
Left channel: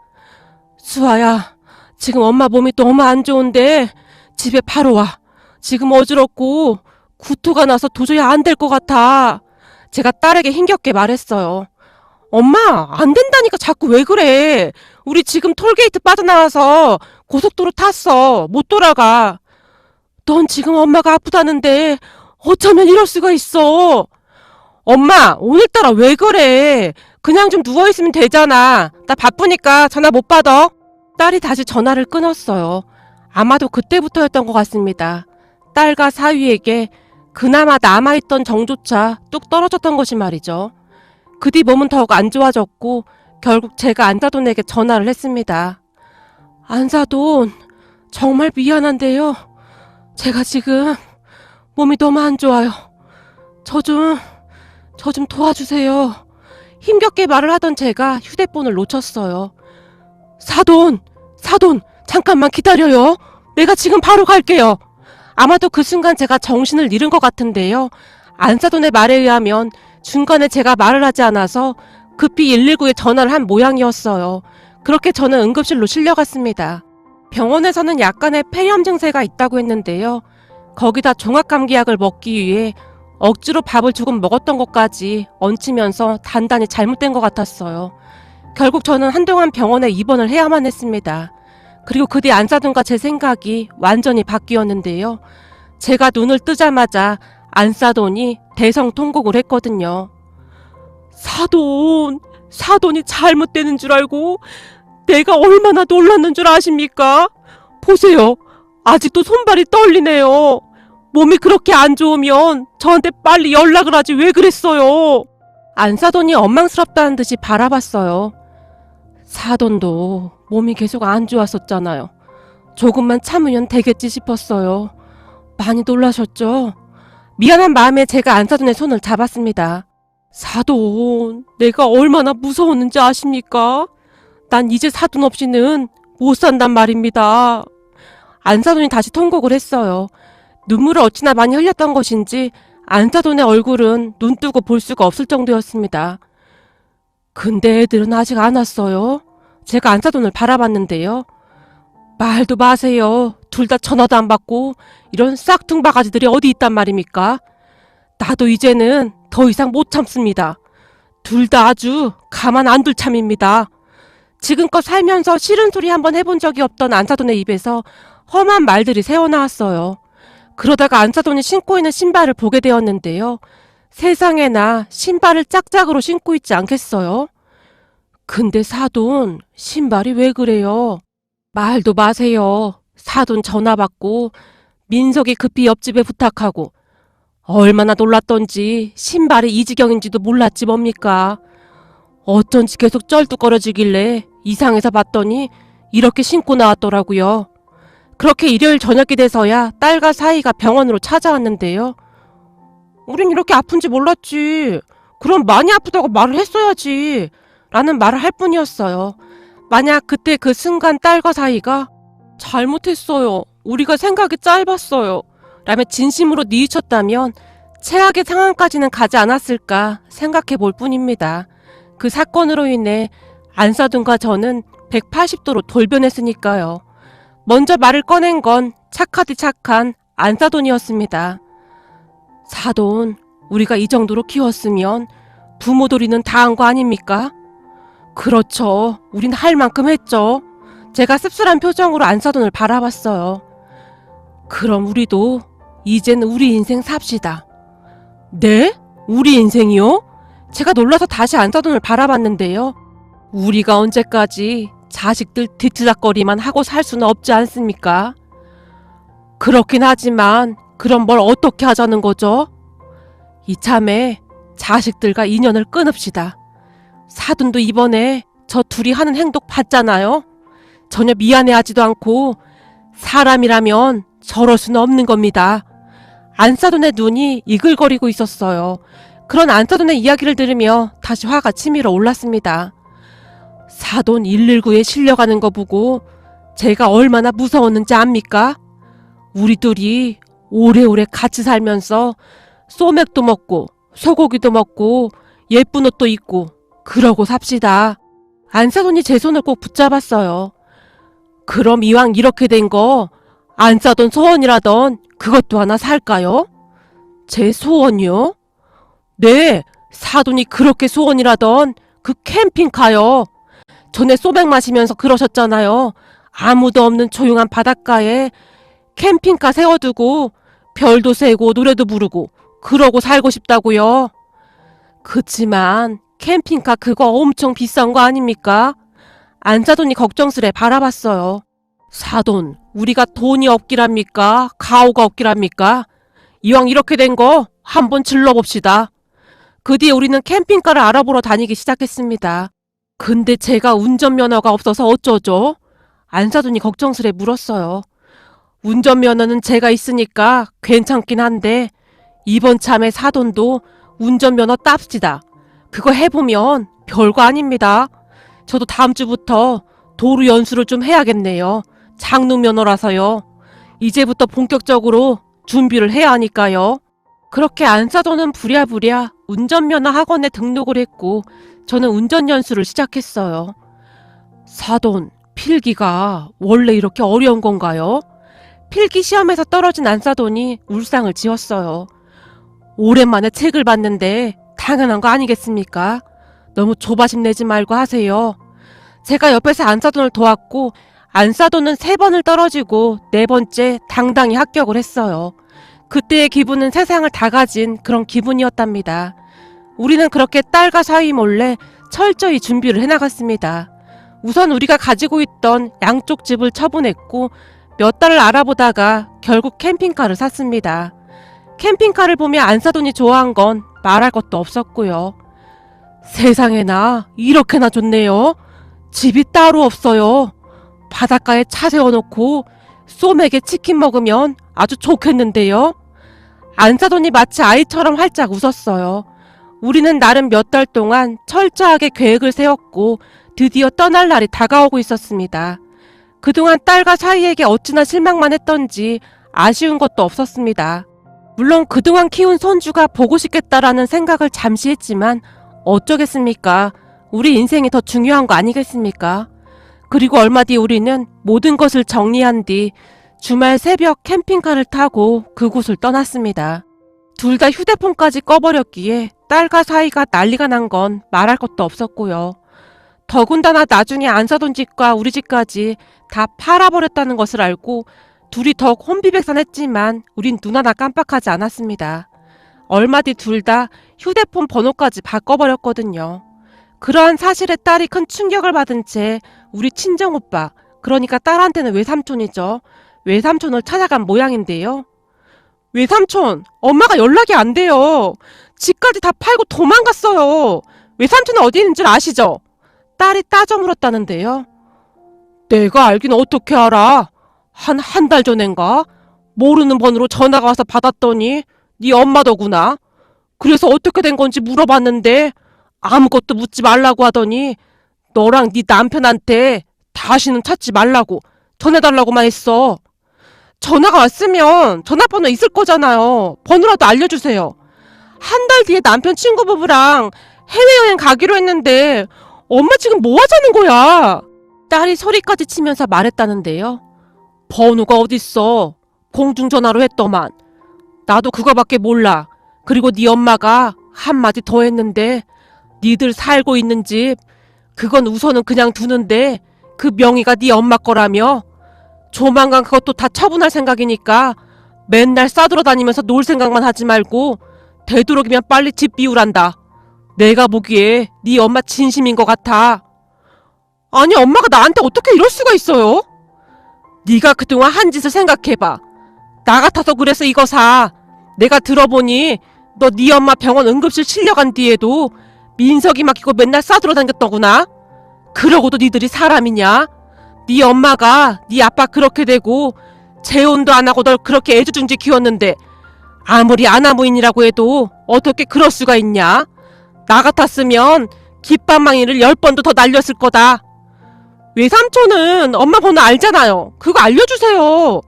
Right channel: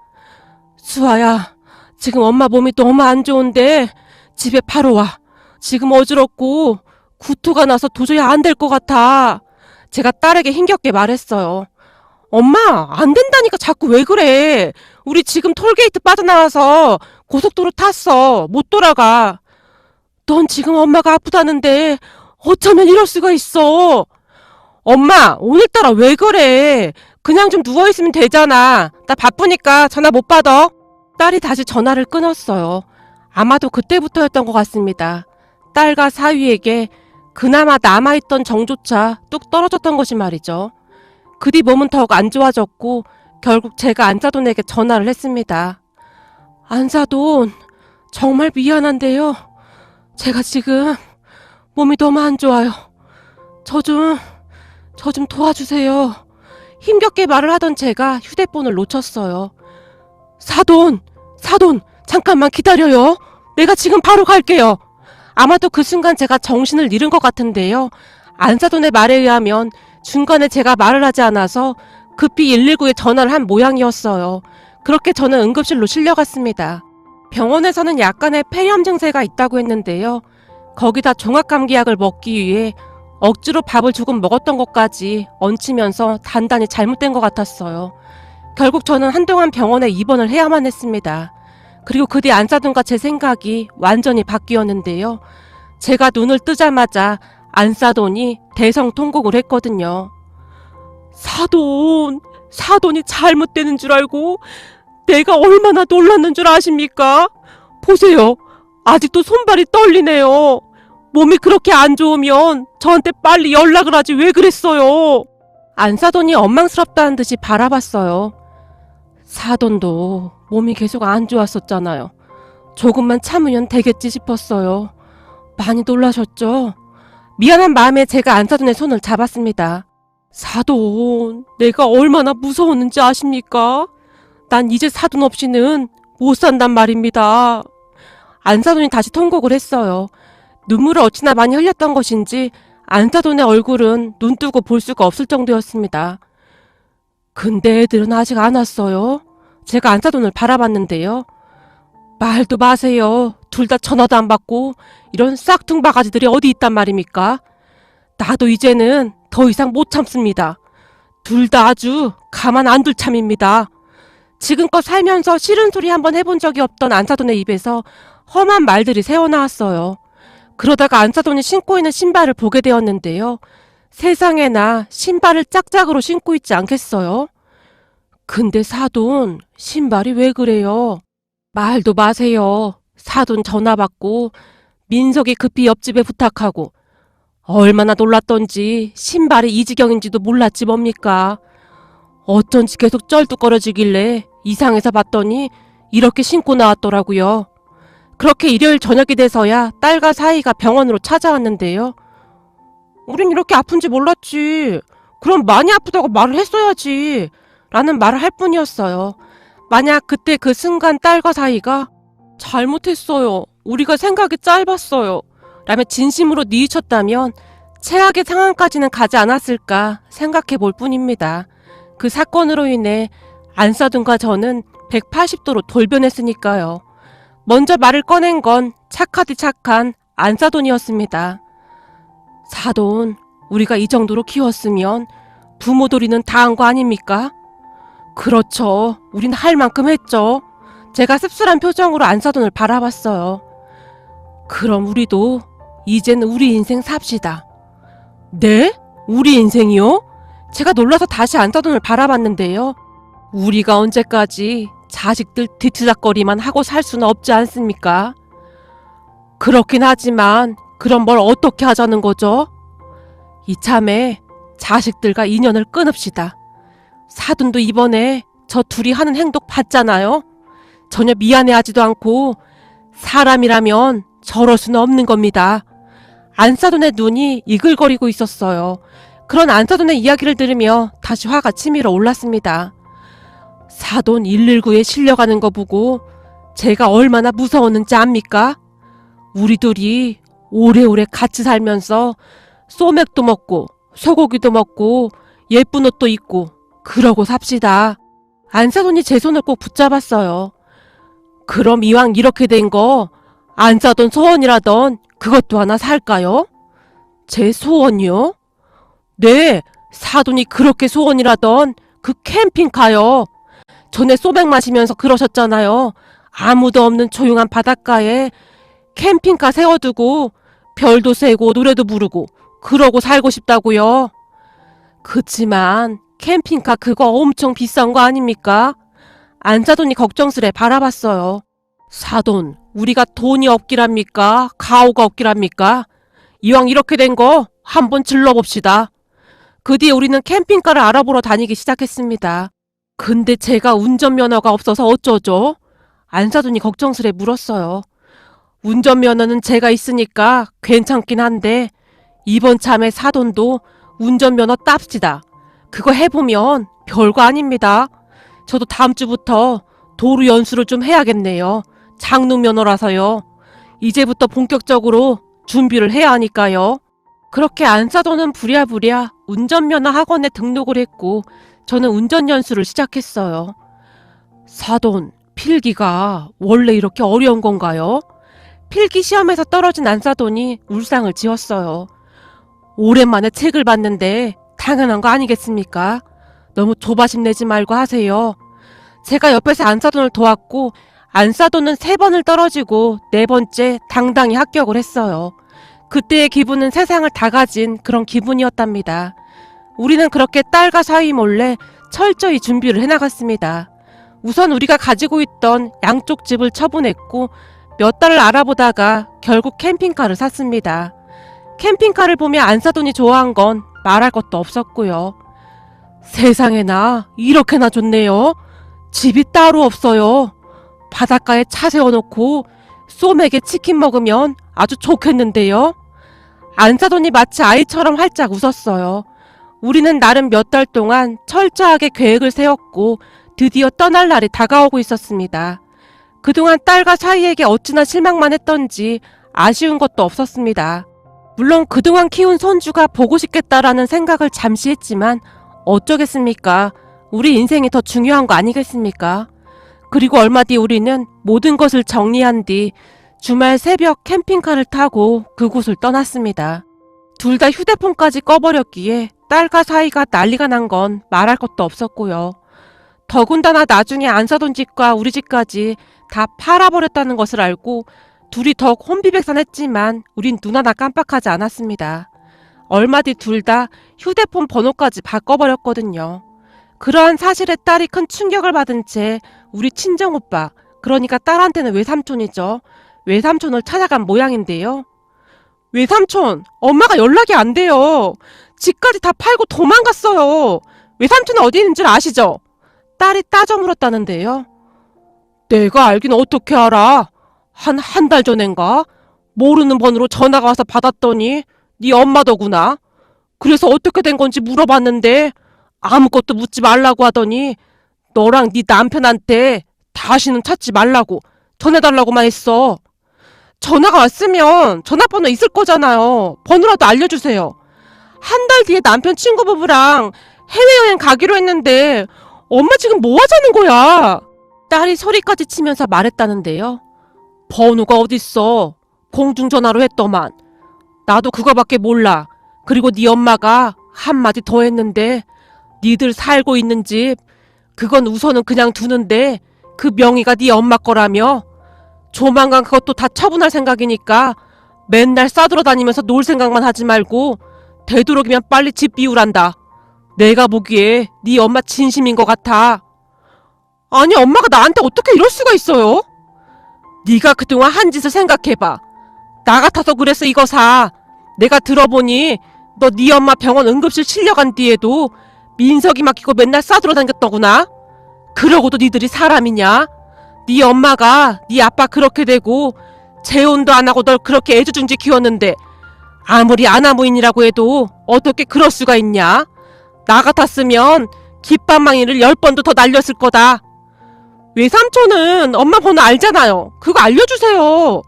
수아야, 지금 엄마 몸이 너무 안 좋은데 집에 바로 와. 지금 어지럽고 구토가 나서 도저히 안 될 것 같아. 제가 딸에게 힘겹게 말했어요. 엄마, 안 된다니까 자꾸 왜 그래. 우리 지금 톨게이트 빠져나와서 고속도로 탔어. 못 돌아가. 넌 지금 엄마가 아프다는데 어쩌면 이럴 수가 있어. 엄마, 오늘따라 왜 그래. 그냥 좀 누워있으면 되잖아. 나 바쁘니까 전화 못 받아. 딸이 다시 전화를 끊었어요. 아마도 그때부터였던 것 같습니다. 딸과 사위에게 그나마 남아있던 정조차 뚝 떨어졌던 것이 말이죠. 그 뒤 몸은 더욱 안 좋아졌고 결국 제가 안사돈에게 전화를 했습니다. 안사돈, 정말 미안한데요. 제가 지금 몸이 너무 안 좋아요. 저 좀 도와주세요. 힘겹게 말을 하던 제가 휴대폰을 놓쳤어요. 사돈, 잠깐만 기다려요. 내가 지금 바로 갈게요. 아마도 그 순간 제가 정신을 잃은 것 같은데요. 안사돈의 말에 의하면 중간에 제가 말을 하지 않아서 급히 119에 전화를 한 모양이었어요. 그렇게 저는 응급실로 실려갔습니다. 병원에서는 약간의 폐렴 증세가 있다고 했는데요. 거기다 종합감기약을 먹기 위해 억지로 밥을 조금 먹었던 것까지 얹히면서 단단히 잘못된 것 같았어요. 결국 저는 한동안 병원에 입원을 해야만 했습니다. 그리고 그 뒤 안사돈과 제 생각이 완전히 바뀌었는데요. 제가 눈을 뜨자마자 안사돈이 대성통곡을 했거든요. 사돈이 잘못되는 줄 알고 내가 얼마나 놀랐는 줄 아십니까? 보세요. 아직도 손발이 떨리네요. 몸이 그렇게 안 좋으면 저한테 빨리 연락을 하지 왜 그랬어요? 안사돈이 원망스럽다는 듯이 바라봤어요. 사돈도 몸이 계속 안 좋았었잖아요. 조금만 참으면 되겠지 싶었어요. 많이 놀라셨죠? 미안한 마음에 제가 안사돈의 손을 잡았습니다. 사돈, 내가 얼마나 무서웠는지 아십니까? 난 이제 사돈 없이는 못 산단 말입니다. 안사돈이 다시 통곡을 했어요. 눈물을 어찌나 많이 흘렸던 것인지 안사돈의 얼굴은 눈 뜨고 볼 수가 없을 정도였습니다. 근데 애들은 아직 안 왔어요. 제가 안사돈을 바라봤는데요. 말도 마세요. 둘 다 전화도 안 받고 이런 싹퉁바가지들이 어디 있단 말입니까? 나도 이제는 더 이상 못 참습니다. 둘 다 아주 가만 안 둘 참입니다. 지금껏 살면서 싫은 소리 한번 해본 적이 없던 안사돈의 입에서 험한 말들이 새어나왔어요. 그러다가 안사돈이 신고 있는 신발을 보게 되었는데요. 세상에나 신발을 짝짝으로 신고 있지 않겠어요? 근데 사돈, 신발이 왜 그래요? 말도 마세요. 사돈 전화 받고 민석이 급히 옆집에 부탁하고 얼마나 놀랐던지 신발이 이 지경인지도 몰랐지 뭡니까. 어쩐지 계속 쩔뚝거려지길래 이상해서 봤더니 이렇게 신고 나왔더라고요. 그렇게 일요일 저녁이 돼서야 딸과 사이가 병원으로 찾아왔는데요. 우린 이렇게 아픈지 몰랐지. 그럼 많이 아프다고 말을 했어야지. 라는 말을 할 뿐이었어요. 만약 그때 그 순간 딸과 사이가 잘못했어요. 우리가 생각이 짧았어요. 라며 진심으로 뉘우쳤다면 최악의 상황까지는 가지 않았을까 생각해 볼 뿐입니다. 그 사건으로 인해 안사돈과 저는 180도로 돌변했으니까요. 먼저 말을 꺼낸 건 착하디 착한 안사돈이었습니다. 사돈, 우리가 이 정도로 키웠으면 부모돌이는 다 한 거 아닙니까? 그렇죠. 우린 할 만큼 했죠. 제가 씁쓸한 표정으로 안사돈을 바라봤어요. 그럼 우리도 이제는 우리 인생 삽시다. 네? 우리 인생이요? 제가 놀라서 다시 안사돈을 바라봤는데요. 우리가 언제까지 자식들 뒤치다거리만 하고 살 수는 없지 않습니까? 그렇긴 하지만 그럼 뭘 어떻게 하자는 거죠? 이참에 자식들과 인연을 끊읍시다. 사돈도 이번에 저 둘이 하는 행동 봤잖아요. 전혀 미안해하지도 않고 사람이라면 저럴 수는 없는 겁니다. 안사돈의 눈이 이글거리고 있었어요. 그런 안사돈의 이야기를 들으며 다시 화가 치밀어 올랐습니다. 사돈 119에 실려가는 거 보고 제가 얼마나 무서웠는지 압니까? 우리 둘이 오래오래 같이 살면서 소맥도 먹고 소고기도 먹고 예쁜 옷도 입고 그러고 삽시다. 안사돈이 제 손을 꼭 붙잡았어요. 그럼 이왕 이렇게 된 거 안사돈 소원이라던 그것도 하나 살까요? 제 소원이요? 네, 사돈이 그렇게 소원이라던 그 캠핑카요. 전에 소맥 마시면서 그러셨잖아요. 아무도 없는 조용한 바닷가에 캠핑카 세워두고 별도 세고 노래도 부르고 그러고 살고 싶다고요. 그치만 캠핑카 그거 엄청 비싼 거 아닙니까? 안사돈이 걱정스레 바라봤어요. 사돈, 우리가 돈이 없기랍니까? 가오가 없기랍니까? 이왕 이렇게 된 거 한번 질러봅시다. 그 뒤에 우리는 캠핑카를 알아보러 다니기 시작했습니다. 근데 제가 운전면허가 없어서 어쩌죠? 안사돈이 걱정스레 물었어요. 운전면허는 제가 있으니까 괜찮긴 한데 이번 참에 사돈도 운전면허 땁시다. 그거 해보면 별거 아닙니다. 저도 다음 주부터 도로 연수를 좀 해야겠네요. 장롱면허라서요. 이제부터 본격적으로 준비를 해야 하니까요. 그렇게 안사돈은 부랴부랴 운전면허 학원에 등록을 했고 저는 운전 연수를 시작했어요. 사돈, 필기가 원래 이렇게 어려운 건가요? 필기 시험에서 떨어진 안사돈이 울상을 지었어요. 오랜만에 책을 봤는데 당연한 거 아니겠습니까? 너무 조바심 내지 말고 하세요. 제가 옆에서 안사돈을 도왔고 안사돈은 3번을 떨어지고 4번째 당당히 합격을 했어요. 그때의 기분은 세상을 다 가진 그런 기분이었답니다. 우리는 그렇게 딸과 사위 몰래 철저히 준비를 해나갔습니다. 우선 우리가 가지고 있던 양쪽 집을 처분했고 몇 달을 알아보다가 결국 캠핑카를 샀습니다. 캠핑카를 보며 안사돈이 좋아한 건 말할 것도 없었고요. 세상에나 이렇게나 좋네요. 집이 따로 없어요. 바닷가에 차 세워놓고 소맥에 치킨 먹으면 아주 좋겠는데요. 안사돈이 마치 아이처럼 활짝 웃었어요. 우리는 나름 몇 달 동안 철저하게 계획을 세웠고 드디어 떠날 날이 다가오고 있었습니다. 그동안 딸과 사위에게 어찌나 실망만 했던지 아쉬운 것도 없었습니다. 물론 그동안 키운 손주가 보고 싶겠다라는 생각을 잠시 했지만 어쩌겠습니까? 우리 인생이 더 중요한 거 아니겠습니까? 그리고 얼마 뒤 우리는 모든 것을 정리한 뒤 주말 새벽 캠핑카를 타고 그곳을 떠났습니다. 둘 다 휴대폰까지 꺼버렸기에 딸과 사이가 난리가 난 건 말할 것도 없었고요. 더군다나 나중에 안사돈 집과 우리 집까지 다 팔아버렸다는 것을 알고 둘이 더 혼비백산했지만 우린 눈 하나 깜빡하지 않았습니다. 얼마 뒤 둘 다 휴대폰 번호까지 바꿔버렸거든요. 그러한 사실에 딸이 큰 충격을 받은 채 우리 친정오빠, 그러니까 딸한테는 외삼촌이죠. 외삼촌을 찾아간 모양인데요. 외삼촌, 엄마가 연락이 안 돼요. 집까지 다 팔고 도망갔어요. 외삼촌이 어디 있는지 아시죠? 딸이 따져 물었다는데요. 내가 알긴 어떻게 알아? 한 달 전인가? 모르는 번호로 전화가 와서 받았더니 네 엄마더구나. 그래서 어떻게 된 건지 물어봤는데 아무것도 묻지 말라고 하더니 너랑 네 남편한테 다시는 찾지 말라고 전해달라고만 했어. 전화가 왔으면 전화번호 있을 거잖아요. 번호라도 알려주세요. 한 달 뒤에 남편 친구 부부랑 해외여행 가기로 했는데 엄마 지금 뭐 하자는 거야? 딸이 소리까지 치면서 말했다는데요. 번호가 어딨어? 공중전화로 했더만. 나도 그거밖에 몰라. 그리고 네 엄마가 한마디 더 했는데 니들 살고 있는 집 그건 우선은 그냥 두는데 그 명의가 네 엄마 거라며. 조만간 그것도 다 처분할 생각이니까 맨날 싸돌아다니면서 놀 생각만 하지 말고 되도록이면 빨리 집 비우란다. 내가 보기에 네 엄마 진심인 것 같아. 아니 엄마가 나한테 어떻게 이럴 수가 있어요? 네가 그동안 한 짓을 생각해봐. 나 같아서 그래서 이거 사. 내가 들어보니 너 네 엄마 병원 응급실 실려간 뒤에도 민석이 막히고 맨날 싸돌아다녔더구나. 그러고도 니들이 사람이냐? 네 엄마가 네 아빠 그렇게 되고 재혼도 안 하고 널 그렇게 애지중지 키웠는데 아무리 아나무인이라고 해도 어떻게 그럴 수가 있냐? 나 같았으면 깃방망이를 10번도 더 날렸을 거다. 외삼촌은 엄마 번호 알잖아요. 그거 알려주세요.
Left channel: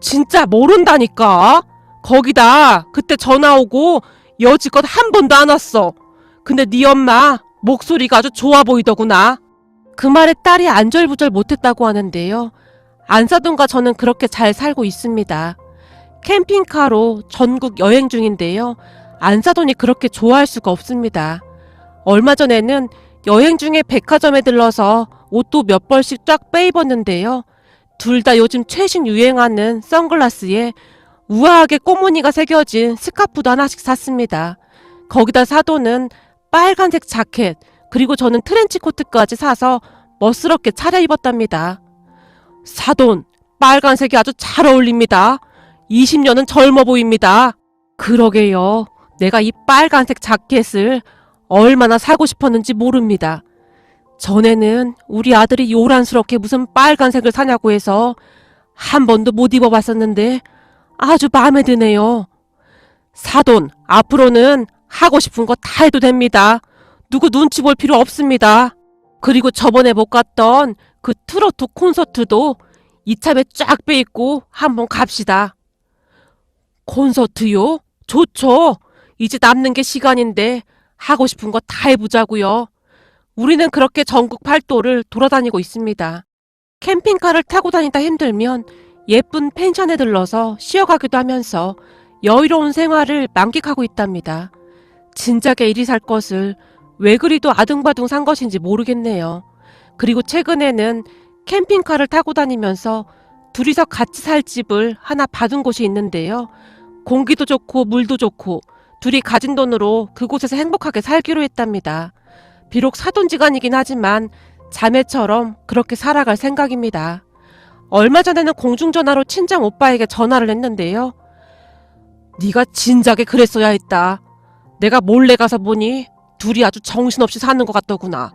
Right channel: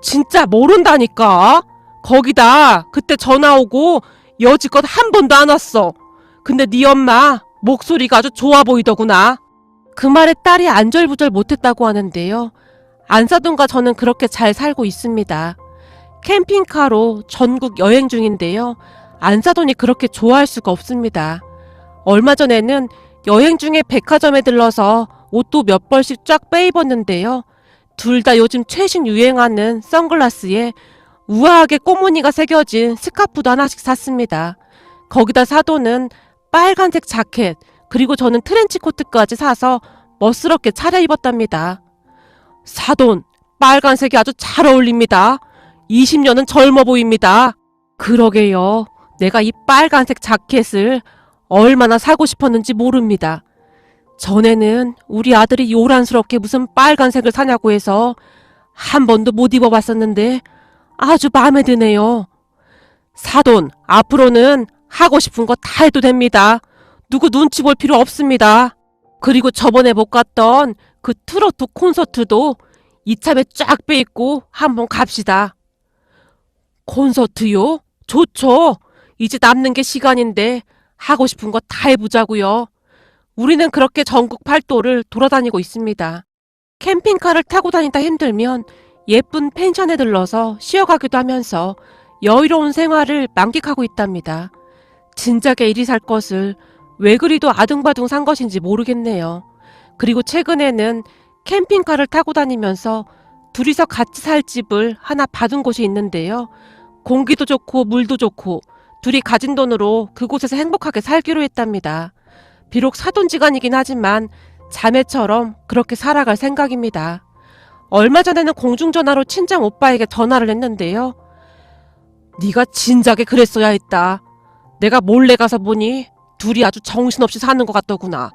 진짜 모른다니까. 거기다 그때 전화 오고 여지껏 한 번도 안 왔어. 근데 네 엄마 목소리가 아주 좋아 보이더구나. 그 말에 딸이 안절부절 못했다고 하는데요. 안사돈과 저는 그렇게 잘 살고 있습니다. 캠핑카로 전국 여행 중인데요. 안사돈이 그렇게 좋아할 수가 없습니다. 얼마 전에는 여행 중에 백화점에 들러서 옷도 몇 벌씩 쫙 빼입었는데요. 둘 다 요즘 최신 유행하는 선글라스에 우아하게 꽃무늬가 새겨진 스카프도 하나씩 샀습니다. 거기다 사돈은 빨간색 자켓, 그리고 저는 트렌치 코트까지 사서 멋스럽게 차려입었답니다. 사돈, 빨간색이 아주 잘 어울립니다. 20년은 젊어 보입니다. 그러게요. 내가 이 빨간색 자켓을 얼마나 사고 싶었는지 모릅니다. 전에는 우리 아들이 요란스럽게 무슨 빨간색을 사냐고 해서 한 번도 못 입어봤었는데 아주 마음에 드네요. 사돈, 앞으로는 하고 싶은 거 다 해도 됩니다. 누구 눈치 볼 필요 없습니다. 그리고 저번에 못 갔던 그 트로트 콘서트도 이참에 쫙 빼입고 한번 갑시다. 콘서트요? 좋죠. 이제 남는 게 시간인데 하고 싶은 거 다 해보자고요. 우리는 그렇게 전국 팔도를 돌아다니고 있습니다. 캠핑카를 타고 다니다 힘들면 예쁜 펜션에 들러서 쉬어가기도 하면서 여유로운 생활을 만끽하고 있답니다. 진작에 이리 살 것을 왜 그리도 아등바등 산 것인지 모르겠네요. 그리고 최근에는 캠핑카를 타고 다니면서 둘이서 같이 살 집을 하나 받은 곳이 있는데요. 공기도 좋고 물도 좋고 둘이 가진 돈으로 그곳에서 행복하게 살기로 했답니다. 비록 사돈지간이긴 하지만 자매처럼 그렇게 살아갈 생각입니다. 얼마 전에는 공중전화로 친정 오빠에게 전화를 했는데요. 네가 진작에 그랬어야 했다. 내가 몰래 가서 보니 둘이 아주 정신없이 사는 것 같더구나.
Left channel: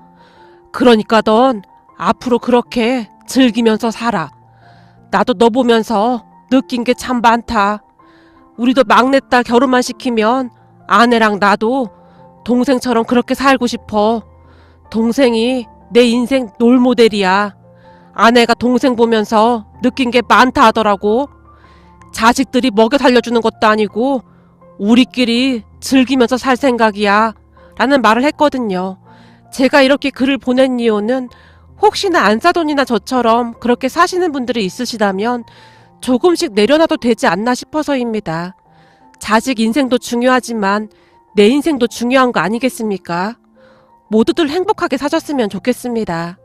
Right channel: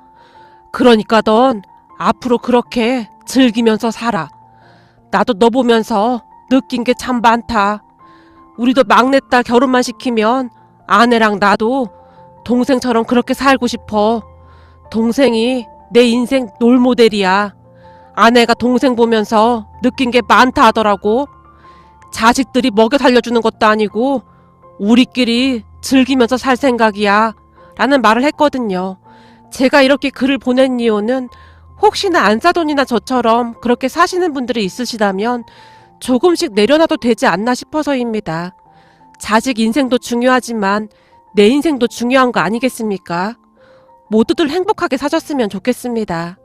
그러니까 넌 앞으로 그렇게 즐기면서 살아. 나도 너 보면서 느낀 게 참 많다. 우리도 막내딸 결혼만 시키면 아내랑 나도 동생처럼 그렇게 살고 싶어. 동생이 내 인생 롤모델이야. 아내가 동생 보면서 느낀 게 많다 하더라고. 자식들이 먹여 살려주는 것도 아니고 우리끼리 즐기면서 살 생각이야 라는 말을 했거든요. 제가 이렇게 글을 보낸 이유는 혹시나 안사돈이나 저처럼 그렇게 사시는 분들이 있으시다면 조금씩 내려놔도 되지 않나 싶어서입니다. 자식 인생도 중요하지만 내 인생도 중요한 거 아니겠습니까? 모두들 행복하게 사셨으면 좋겠습니다.